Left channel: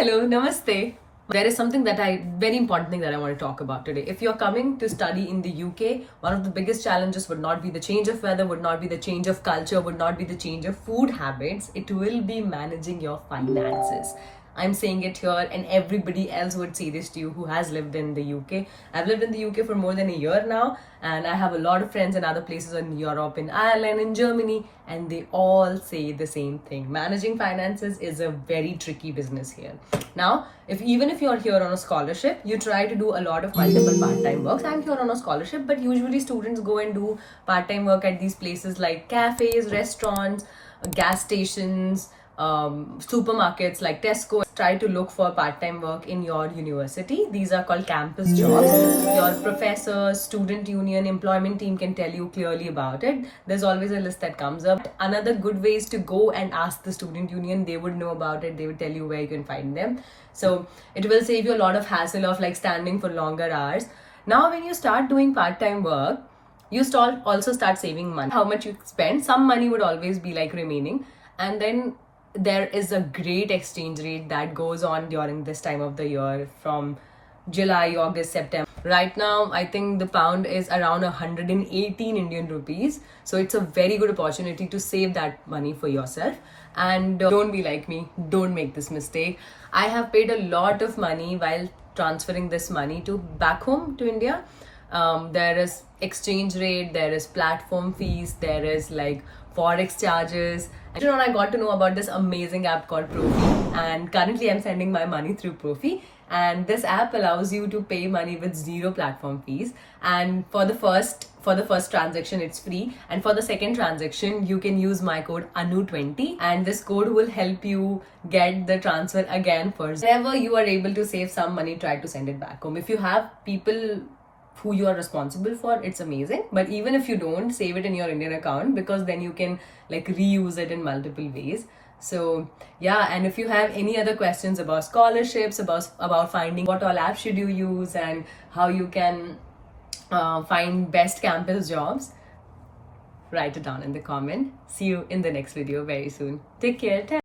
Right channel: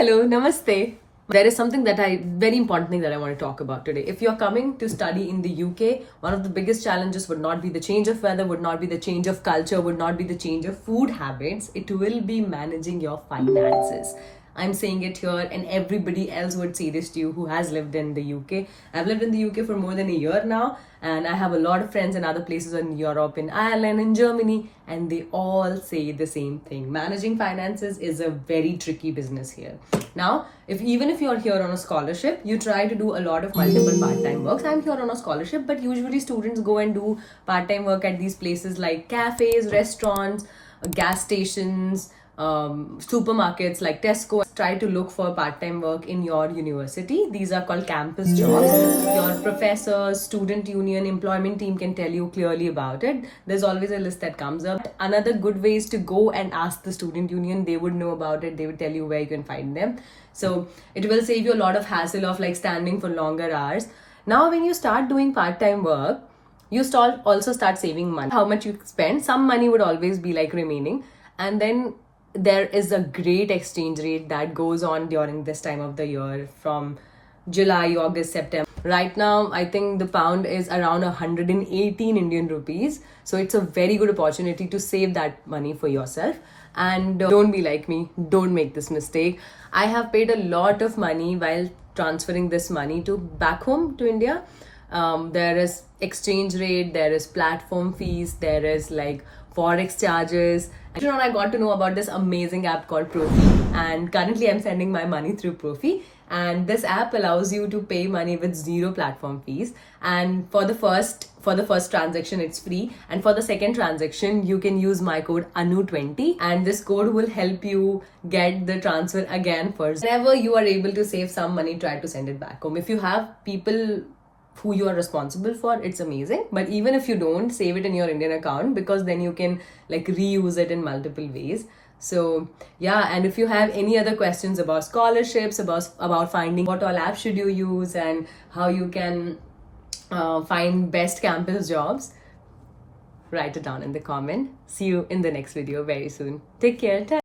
hello, namaste. There is something very important thing that I want to talk about today. If you're coming to study in the UK, one of the biggest challenges would not be the change of weather, would not be the change of culture, would not be the change of food habits. It will be managing your finances. I'm saying it here, and everybody else would say this to you who has lived in the UK. I've lived in the UK for more than a year now, and I have a lot of friends in other places in Europe, in Ireland, in Germany, and they all say the same thing. Managing finances is a very tricky business here. Now, even if you're here on a scholarship, you try to do a lot of multiple part-time works. I'm here on a scholarship, but usually students go and do part-time work at these places like cafes, restaurants, gas stations, supermarkets like Tesco. Try to look for part-time work in your university. These are called campus jobs. Your professors, student union, employment team can tell you clearly about it. There's always a list that comes up. Another good way is to go and ask the student union. They would know about it. They would tell you where you can find them. So it will save you a lot of hassle of like standing for longer hours. Now when you start doing part-time work, you also start saving money. How much you spend, some money would always be like remaining. And then there is a great exchange rate that goes on during this time of the year from July, August, September. Right now, I think the pound is around 118 Indian rupees. So it's a very good opportunity to save that money for yourself. And don't be like me. Don't make this mistake. I have paid a lot of money while transferring this money to back home to India. There is exchange rate, there is platform fees, there is like forex charges. Later on, I got to know about this amazing app called Profi, and currently I'm sending my money through Profi. And this app allows you to pay money with zero platform fees. And for the first transaction, it's free. And for the second transaction, you can use my code ANU20, and this code will help you get the transfer again first. Whenever you are able to save some money, try to send it back home. If you have people who you are responsible for, it's amazing. But even if you don't, save it in your Indian account, because then you can like reuse it in multiple ways. So yeah, and if you have any other questions about scholarships, about finding what all apps should you use and how you can find best campus jobs, write it down in the comment. See you in the next video very soon. Take care.